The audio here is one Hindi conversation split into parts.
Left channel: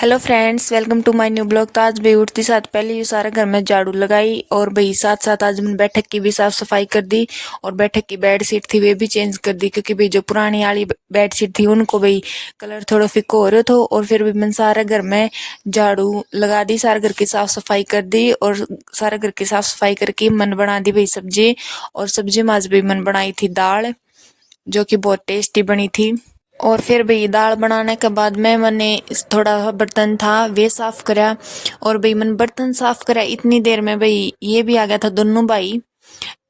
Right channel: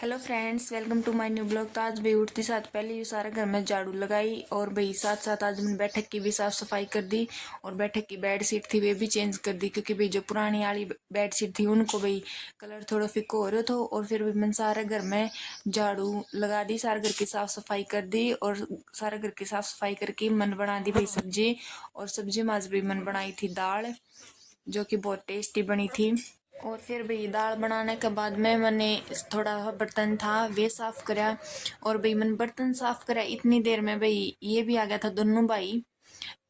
Hello friends, welcome to my new blog. तो आज भाई उठती साथ पहले ये सारा घर में झाड़ू लगाई और भाई साथ साथ आज मैंने बैठक की भी साफ सफाई कर दी और बैठक की बेड शीट थी वे भी चेंज कर दी, क्योंकि भाई जो पुरानी वाली बेड शीट थी उनको भाई कलर थोड़ा फिक्को हो रहा था। और फिर भी मैंने सारा घर में झाड़ू लगा दी, सारे घर की साफ सफाई कर दी और सारे घर की साफ सफाई करके मन बना दी भाई सब्जी। और सब्जी में आज भाई मन बनाई थी दाल, जो कि बहुत टेस्टी बनी थी। और फिर भाई दाल बनाने के बाद में मैंने थोड़ा सा बर्तन था वे साफ करा। और भाई मैंने बर्तन साफ करा इतनी देर में भाई ये भी आ गया था, दोनों भाई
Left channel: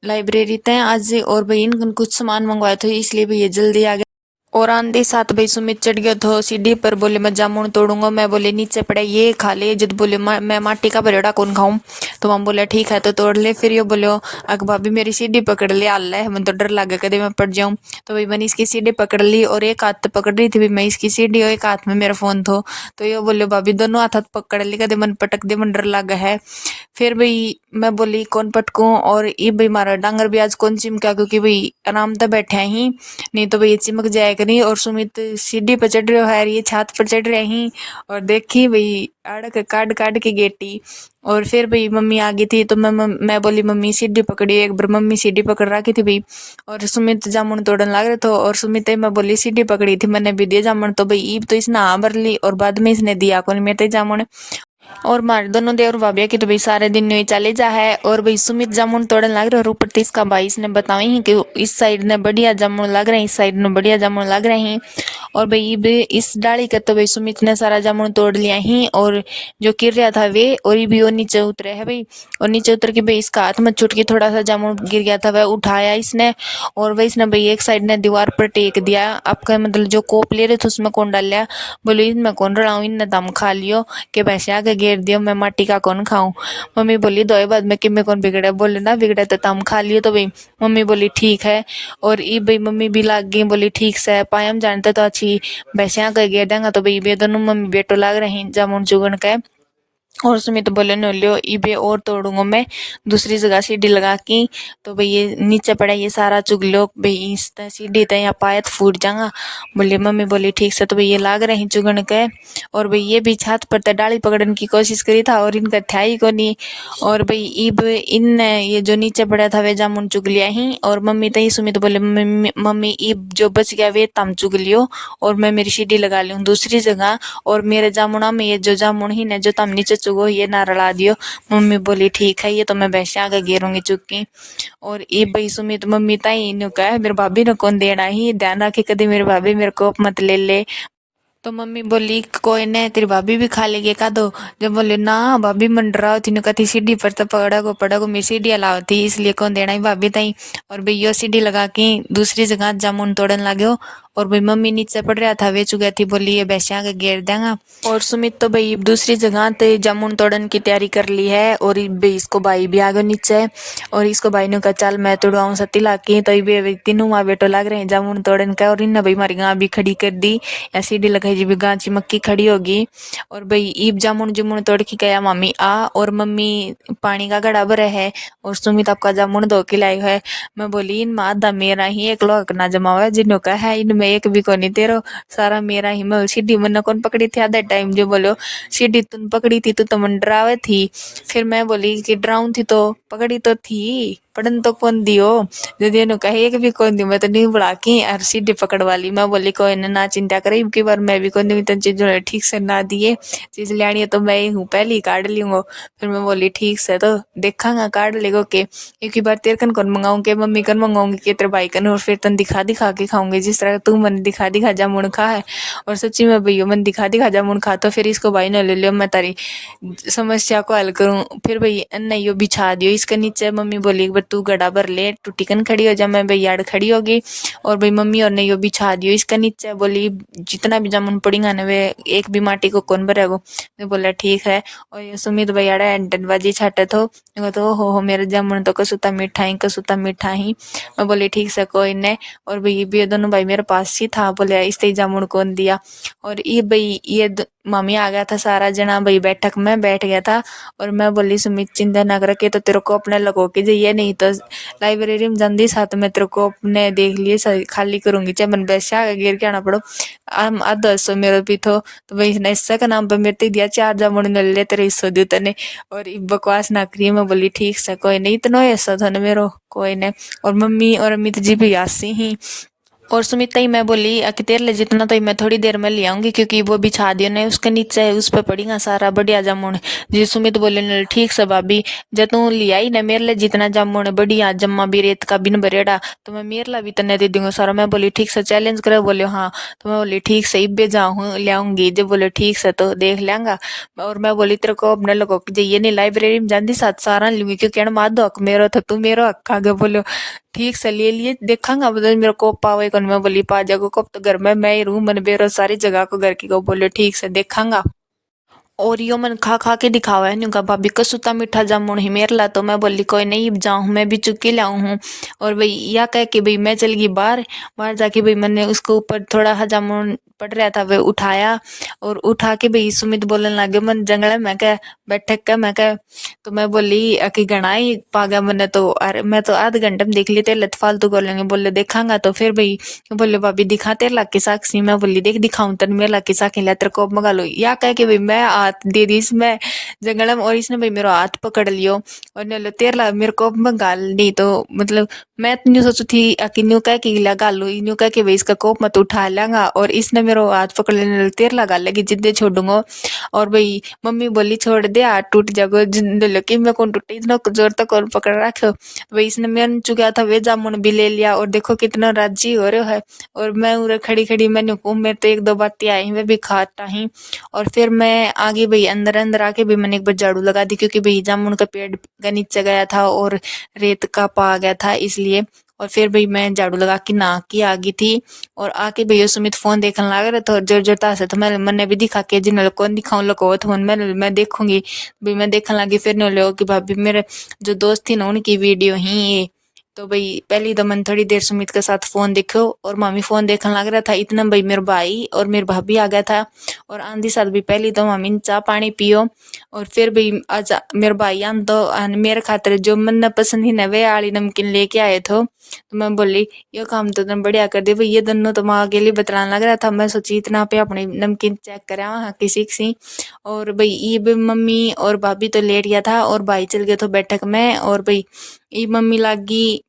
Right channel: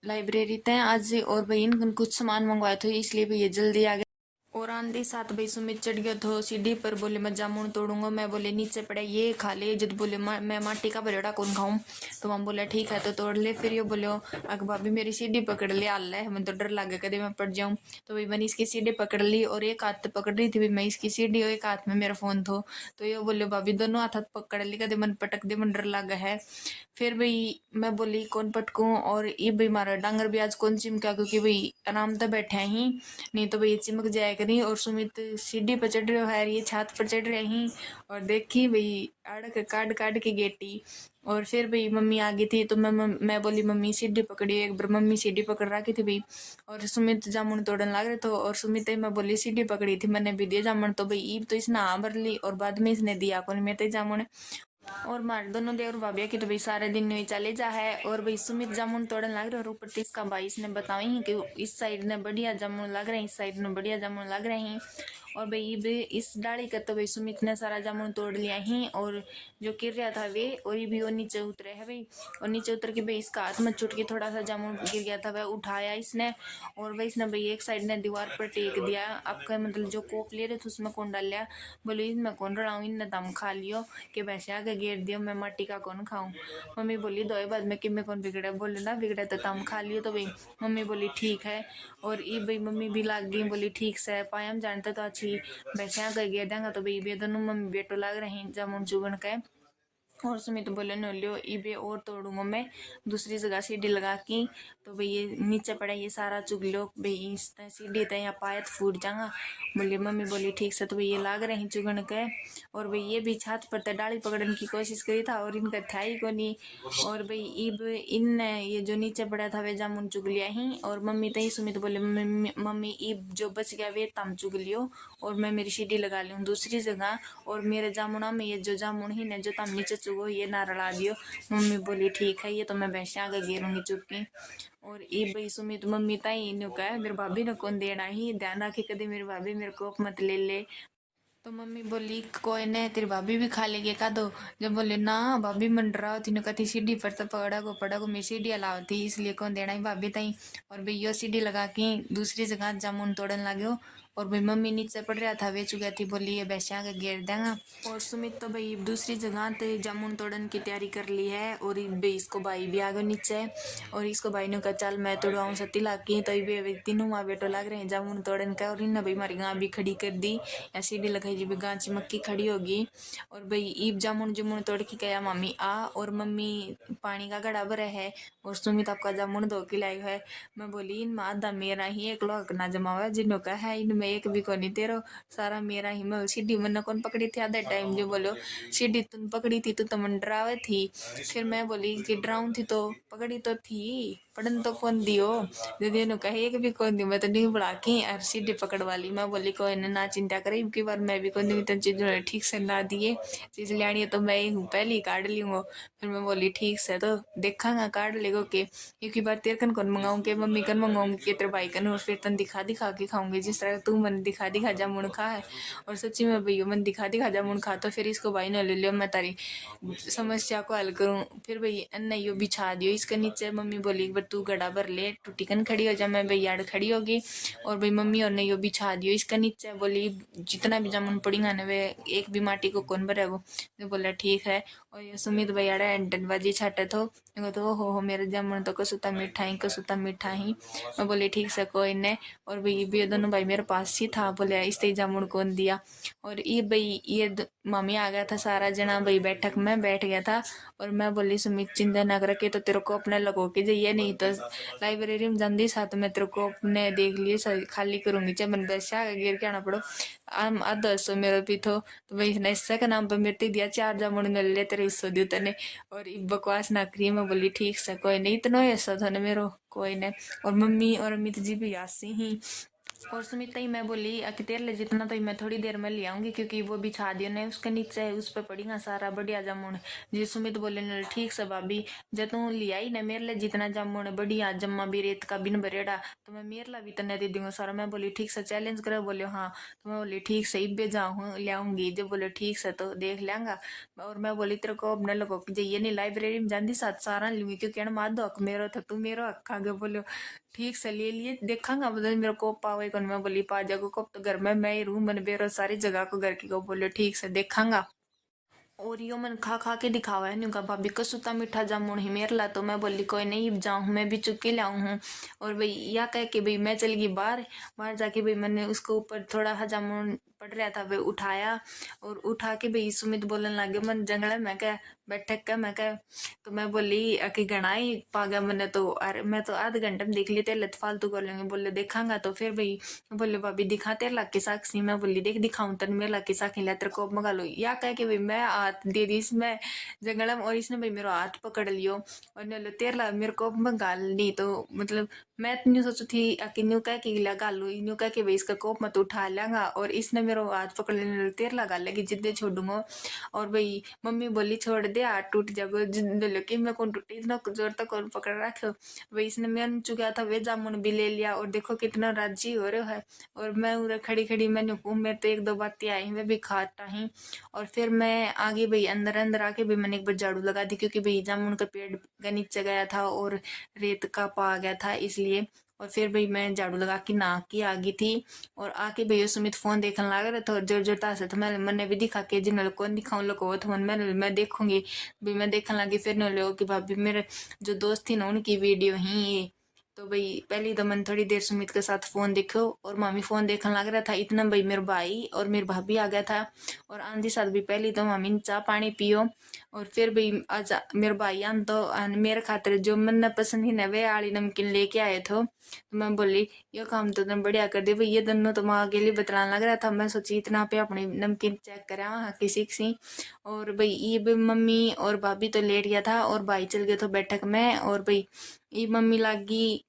लाइब्रेरी थे आज। और भाई इनका कुछ सामान मंगवाया था इसलिए भाई ये जल्दी आ गया। और आंधी साथ भाई सुमित चढ़ गया था सीढ़ी पर, बोले मैं जामुन तोड़ूंगा। मैं बोले नीचे पड़े ये खा ले। जब बोले मैं माटी का भरेड़ा कौन खाऊं, तो हम बोले ठीक है तो तोड़ ले। फिर ये बोलो अक भाभी मेरी सीढ़ी पकड़ ले, आल है मैं तो डर लगे कदे मैं पड़ जाऊं। तो भाई मैंने इसकी सीढ़ी पकड़ ली और एक हाथ पकड़ रही थी भाई मैं इसकी सीढ़ी और एक हाथ में मेरा फोन था। तो ये बोले भाभी दोनों हाथ पकड़ ली, कदे मन पटक दे मन डर लगा है। फिर भाई मैं बोली कौन पटकूं, और ये भाई मारा डांगर भी आज कौन चिमका, क्योंकि भाई आराम से बैठे ही नहीं तो भाई ये चिमक जाए करी। और सुमित सीढ़ी पर चढ़ रहे है, ये छत पर चढ़ रहे ही और देखी भाई अड़क काट काट के गेटी। और फिर भाई मम्मी आ गई थी तो मैं बोली मम्मी सीढ़ी पकड़ी, एक बार मम्मी सीढ़ी पकड़ रखी थी भाई। और सुमित जामुन तोड़न लग रहे थे और सुमित मैं बोली सीढ़ी पकड़ी थी मैंने भी दिया जामुन। तो भाई ईब तो इसने हाँ भर ली और बाद में इसने दिया कौन मेरे जामुन। और मारे दोनों देवर भाभी की तो भाई सारे दिन नहीं चले जा है। और भाई सुमित जामुन तोड़न लग रहे और ऊपर तीस का भाई इसने बताई ही कि इस साइड ने बढ़िया जामुन लग रहे हैं, इस साइड में बढ़िया जामुन लग रहे हैं। और भाई भी इस डाली का तो भाई सुमित ने सारा जामुन तोड़ लिया ही और जो गिर रहा था वे और ये भी वो नीचे उतरे है भाई। और नीचे उतर के भाई इसका हाथ में छुट के थोड़ा सा जामुन गिर गया था, वह उठाया इसने और भाई इसने भाई एक साइड ने दीवार पर टेक दिया। आपका मतलब जो कोप ले रहे थे उसमें कौन डाल लिया, बोलो इनमें कौन रड़ाऊं, इनने दम खा लियो कि भैंसे आगे घेर दियो मैं माटी का कौन खाऊं। मम्मी बोली दो बाद में कि मैं कौन बिगड़े, बोले ना बिगड़े तो तम खा लियो। तो भाई मम्मी बोली ठीक है। और ये भाई मम्मी भी लाग गई, बोली ठीक से पायम जानते तो अच्छी भैंसे आगे घेर देंगे। तो भाई बे दोनों मम्मी बेटो लाग रहे हैं जामुन चुगन के। और सुमित बोले न लियो इबे और तोड़ूंगा मैं दूसरी जगह सीढ़ी लगा की। तो भाई ये नीचे पड़ा ये सारा चुग लो भाई इस सीढ़ी तय या पायत फूट जाऊंगा। बोले मम्मी बोली ठीक से। तो भाई ये लाग रहे हैं चुगन के। और भाई ये भी छत पर तो डाली पकड़ने की कोशिश करी था और इनका था ही को नहीं। और भाई इब इन ये जो नीचे पड़ा था वे जामुन चुग लिया ही। और मम्मी तई सुमित बोले मम्मी इब जो बच गया वे तम चुग लियो और मैं मेरी सीढ़ी लगा लूँ दूसरी जगह। और मेरे जामुना में ये जो जामुन ही ने जो तम नीचे चुगो ये ना रला दियो। मम्मी बोली ठीक है ये तो मैं भैंसे आगे घेरूंगी चुग। और ये भाई सुमित मम्मी ताई ने कहा मेरे भाभी ने कौन देना ही, ध्यान रखे कभी मेरे भाभी मेरे को मत ले ले। तो मम्मी बोली कोई नहीं तेरी भाभी भी खा लेगी का दो। जब बोले ना भाभी मंडरा थी न कथी सीढ़ी पर तो पड़ा को मैं सीढ़ी अलाव थी इसलिए कौन देना ही भाभी ताई। और भाई यो सीढ़ी लगा के दूसरी जगह जामुन तोड़न लगे। और भाई मम्मी नीचे पड़ रहा था वे चुका थी, बोली ये भैंसिया के घेर देंगा। और सुमित तो भाई दूसरी जगह ते जामुन तोड़न की तैयारी कर ली है। और भाई इसको भाई भी आ गए नीचे और इसको भाई ने कहा चल मैं तोड़वाऊं सती लाके। तो ये तीनों माँ बेटो लग रहे हैं जामुन तोड़न का। और इन्हें भाई हमारी गाँ भी खड़ी कर दी या सीढ़ी लगाई जी भी गाँ चिमक्की खड़ी होगी। और भाई ईब जामुन जुमुन तोड़ के गया मम्मी आ और मम्मी पानी का घड़ा भरा है और सुमित आपका जामुन धो के लाई है। मैं बोली इन माँ दा मेरा ही एक लोग ना जमा हुआ है जिन्हों का है इनमें एक भी को नहीं तेरो सारा मेरा ही। मैं सीढ़ी मन कौन पकड़ी थी आधा टाइम जो बोलो सीढ़ी तुम पकड़ी थी तो मन डरावे थी। फिर मैं बोली कि डराऊं थी तो पकड़ी तो थी पढ़न तो कौन दियो। दीदी ने कहे एक भी कौन दी, मैं तो नहीं बुला की और सीढ़ी पकड़ वाली। मैं बोली कोई ना चिंता करे की बार मैं भी कौन दी तो चीज ठीक से ना दिए, चीज लेनी है तो मैं ही हूँ पहले ही काट लूंगा। फिर मैं बोली ठीक से तो देखांगा काट लेगो के एक ही बार तेरे कन कौन मंगाऊं के मम्मी कन मंगाऊंगी के तेरे भाई कन और फिर तन दिखा दिखा के खाऊंगी जिस तरह तू मन दिखा दिखा जामुन खा है। और सच्ची में भैया मन दिखा दिखा जामुन खा तो फिर इसको भाई ने ले लियो मैं तारी समस्या को हल करूं। फिर भाई नहीं बिछा दियो इसके नीचे। मम्मी बोली एक बार तू गड़ा भर ले तू टिकन खड़ी हो जा, मैं भाई यार खड़ी होगी। और भाई मम्मी और नहीं बिछा दियो इसके नीचे। बोली जितना भी जामुन पड़ेगा ना वे एक भी माटी को कौन भरेगो। मैं बोला ठीक है। और ये सुमित भाई आड़ा बाजी छाटे तो हो मेरे जामुन तो कसुता मीठा ही कसुता मीठा ही। मैं बोली ठीक से कोई ने। और भाई भी दोनों भाई मेरे पास बकवास ही था, बोले इस जामुन कौन दिया। और ये भाई मम्मी आ गया था सारा जना भाई बैठक में बैठ गया था। और मैं बोली सुमित चिंता न कर के तो तेरे को अपने लगो के जाइए, नहीं तो लाइब्रेरी में जल्दी साथ में तेरे को अपने देख लिए खाली करूंगी, चाहे मन बैसा गिर के आना पड़ो। आधा हिस्सों मेरा भी तो भाई इसने हिस्सा का नाम पे मेरे ते दिया 4 जामुन न ले तेरे हिस्सों दी तने। और बकवास ना करिए, मैं बोली ठीक से कोई नहीं, इतना हिस्सा था ना मेरो कोई नहीं। और मम्मी और अमित जी भी आसी ही। और सुमिता ही मैं बोली कि तेरे लिए जितना तो मैं थोड़ी देर में ले आऊंगी, क्योंकि वो बिछा दियो ने उसके नीचे है, उस पर पड़ेगा सारा बढ़िया जामुन। जी सुमित बोले न ठीक से भाभी, जब तू ले आई ना मेरे लिए जितना जामुन है बढ़िया जम्मा भी रेत का बिन बरेड़ा, तो मैं मेरे ला भी तने दे दूंगा सारा। मैं बोली ठीक से चैलेंज करे, बोले हाँ। तो मैं बोली ठीक से इब्बे जाऊँ ले आऊंगी, जब बोले ठीक से तो देख लेंगा। और मैं बोली तेरे को अपने लोगों की जाइए नहीं लाइब्रेरी में जाती साथ सारा लूंगी, क्योंकि माधो हक मेरो था तू मेरो हक आगे बोलो ठीक से ले लिए देखांगा बदल मेरे को पावे कौन। मैं बोली पा जागो कब तो घर में मैं ही रू मन बेरो सारी जगह को घर की को बोले ठीक से देखांगा। और यो मन खा खा के दिखावा है न्यू का भाभी कसूता मीठा जामुन ही मेरे ला। तो मैं बोली कोई नहीं जाऊँ मैं भी चुकी लाऊं हूँ। और भाई या कह के भाई मैं चल गई बाहर। बाहर जाके भाई मैंने उसके ऊपर थोड़ा सा जामुन पड़ रहा था वह उठाया। और उठा के भाई सुमित बोलने लगे मन जंगल मैं कह बैठक का मैं कह। तो मैं बोली कि घना ही पा गया मैंने तो, अरे मैं तो आधे घंटे में देख ली तेरे लत फालतू कर लेंगे, बोले देखांगा तो फिर भाई बोले भाभी दिखा तेरे लाख की साक्षी। मैं बोली देख दिखाऊं तेरे मेरे लाख की साक्षी ला तेरे को मंगा लो या कह के भाई मैं हाथ दे दी इसमें जंगल में। और इसने भाई मेरा हाथ पकड़ लियो और ने लो तेरे ला मेरे को मंगा नहीं तो मतलब मैं तो न्यू सोचू थी कि न्यू कह के लगा लो न्यू कह के भाई इसका कोप मत उठा लेंगा। और इसने मेरा हाथ पकड़ लेने तेरे लगा लेगी जिद्दे छोड़ूंगा। और भाई मम्मी बोली छोड़ दे हाथ टूट जाएगा कि मैं कौन टूटे इतना जोर तक और पकड़ रखो। भाई इसने मैं चुका था वे जामुन भी ले लिया और देखो कितना राजी हो रहा है। और मैं उरे खड़ी खड़ी मैंने को मेरे तो एक दो बातें आई वे भी खाता ही। और फिर मैं आगे भाई अंदर अंदर आके भी मैंने एक बार झाड़ू लगा दी, क्योंकि भाई जामुन का पेड़ का नीचे गया था और रेत का पा गया था इसलिए। और फिर भाई मैं झाड़ू लगा के नहा के आ गई थी। और आके भैया सुमित फोन देखने लग रहा था जोर जोरता से, तो मैंने भी दिखा के जिन कौन दिखाऊं लको तो मैं देखूंगी भाई मैं देखने लगी। फिर नहीं लो कि भाभी मेरे जो दोस्त थी ना उनकी वीडियो ही ये। तो भाई पहली तो मैंने थोड़ी देर सुमित के साथ फोन देखो और मामी फोन देखने लग रहा था, इतना भाई मेरे भाई और मेरे भाभी आ गया था। और आंधी साथ भी पहली तो मामी ने चाह पानी पियो। और फिर भाई आज मेरे भाई आन तो मेरे खातिर जो मन पसंद ही नवे आली नमकीन लेके आए थे। तो मैं बोली ये काम तो तुम बढ़िया कर दे भाई, ये दोनों तो माँ के लिए बतलाने लग रहा था। मैं सोची इतना पे अपनी नमकीन चेक करा हाँ किसी किसी। और भाई ये भी मम्मी और भाभी तो लेट गया था और भाई चल गए थे बैठक में। और भाई ये मम्मी लागी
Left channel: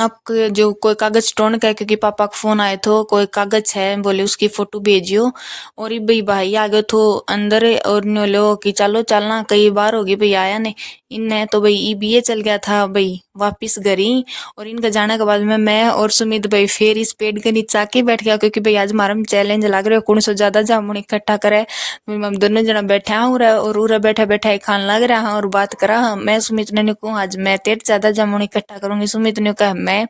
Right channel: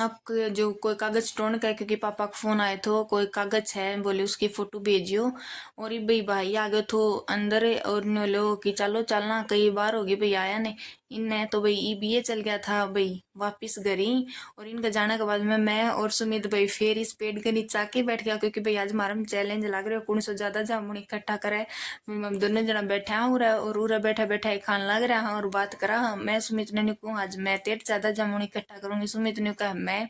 आप जो कोई कागज टोन का है, क्योंकि पापा का फोन आए थे कोई कागज है बोले उसकी फोटो भेजियो। और ये भाई भाई आ गए थो अंदर और नो लो कि चलो चलना कई बार होगी भाई आया ने इनने। तो भाई ये भी ये चल गया था भाई वापिस घर ही। और इनका जाने के बाद में मैं और सुमित भाई फिर इस पेड़ के नीचे आके बैठ गया, क्योंकि भाई आज हमारा चैलेंज लग रहा है कौन सो ज्यादा जामुन इकट्ठा करे। हम दोनों जना बैठे हैं और उरा बैठा बैठा खान लग रहा और बात करा। मैं सुमित ने कहूँ आज मैं तेरे ज्यादा जामुन इकट्ठा करूंगी, सुमित ने कहा मैं।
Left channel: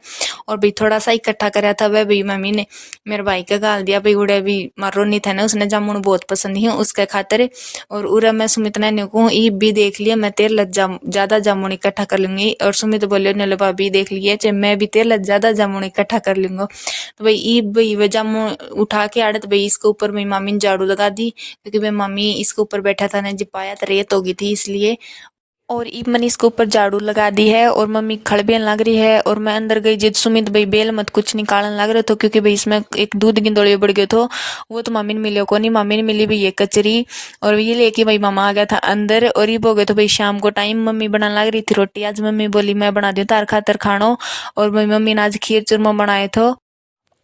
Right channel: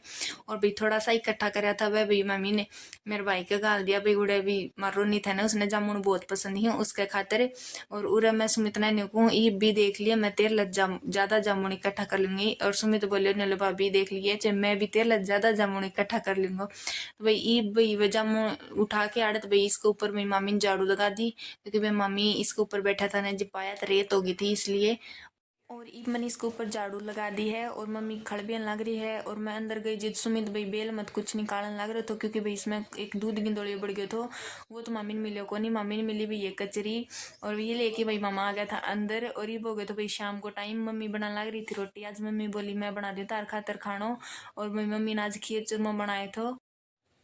और भाई थोड़ा सा इकट्ठा कराया था वह भाई मम्मी ने मेरे भाई का गाल दिया भाई उड़े भी मारो नहीं था ना उसने जामुन बहुत पसंद ही उसके खातिर। और उरा मैं सुमित ने कहूँ ई भी देख लिया मैं तेरे लग ज्यादा जामुन इकट्ठा कर लूंगी। और सुमित बोले नलो भाभी देख लिए चाहे मैं भी तेरे लग ज्यादा जामुन इकट्ठा कर लूंगा। तो भाई ई भाई वह जामुन उठा के आड़त भाई इसके ऊपर मेरी मामी ने झाड़ू लगा दी, क्योंकि मेरी मम्मी इसके ऊपर बैठा था ना जी पाया तो रेत हो गई थी इसलिए। और ई मैंने इसके ऊपर झाड़ू लगा दी है और मम्मी खड़बेन लग रही है। और मैं अंदर गई जिद सुमित भाई बेल मत कुछ निकालने लग रहे थे, क्योंकि भाई इसमें एक दूध की दौड़े बढ़ गए थे वो तो मम्मी ने मिले को नहीं, मम्मी ने मिली भाई ये कचरी। और ये लेके भाई मामा आ गया था अंदर। और ये हो गए तो भाई शाम को टाइम मम्मी बनाने लग रही थी रोटी, आज मम्मी बोली मैं बना दी तार खातर खानो। और भाई मम्मी ने आज खीर चूरमा बनाए थे।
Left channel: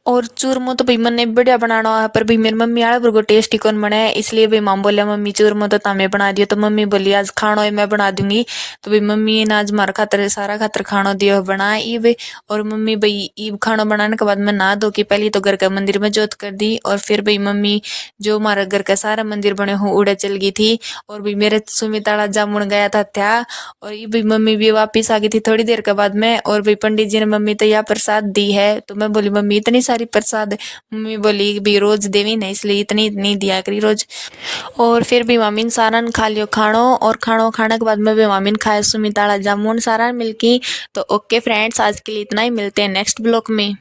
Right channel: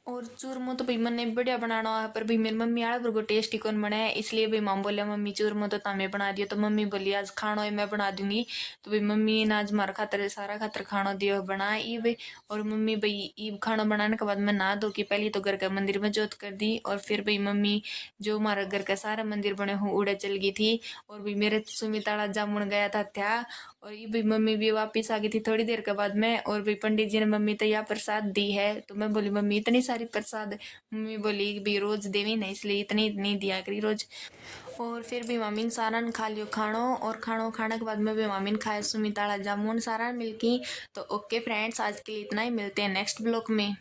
और चूरमो तो भाई मैंने बढ़िया बनाना है, पर भाई मेरी मम्मी आड़े को टेस्टी कौन बने इसलिए भाई माम बोलिया मम्मी चूरमो तो तमें बना दियो। तो मम्मी बोली आज खानो मैं बना दूंगी। तो भाई मम्मी ने आज मारा खातर सारा खातर खानो दियो बना ईब। और मम्मी भाई ईब खानो बनाने के बाद मैं नहा धो के पहले तो घर का मंदिर में जोत कर दी। और फिर भाई मम्मी जो हमारा घर का सारा मंदिर बने हो उड़े चल गई थी। और भाई मेरे सुमिताड़ा जामुन गया था। और ये भाई मम्मी भी वापिस आ गई थी थोड़ी देर के बाद में। और भाई पंडित जी ने मम्मी तो यह प्रसाद दी है। तो मैं बोली मम्मी इतनी सारी प्रसाद, मम्मी बोली भी रोज देवी नहीं इसलिए इतनी इतनी दिया करी रोज। और फिर भी मम्मी ने सारा ने खा लियो खानो। और खानो खाने के बाद में भी मम्मी ने खाया सुमिताड़ा जामुन सारा मिलकी। तो ओके फ्रेंड्स आज के लिए इतना ही, मिलते हैं नेक्स्ट ब्लॉग में।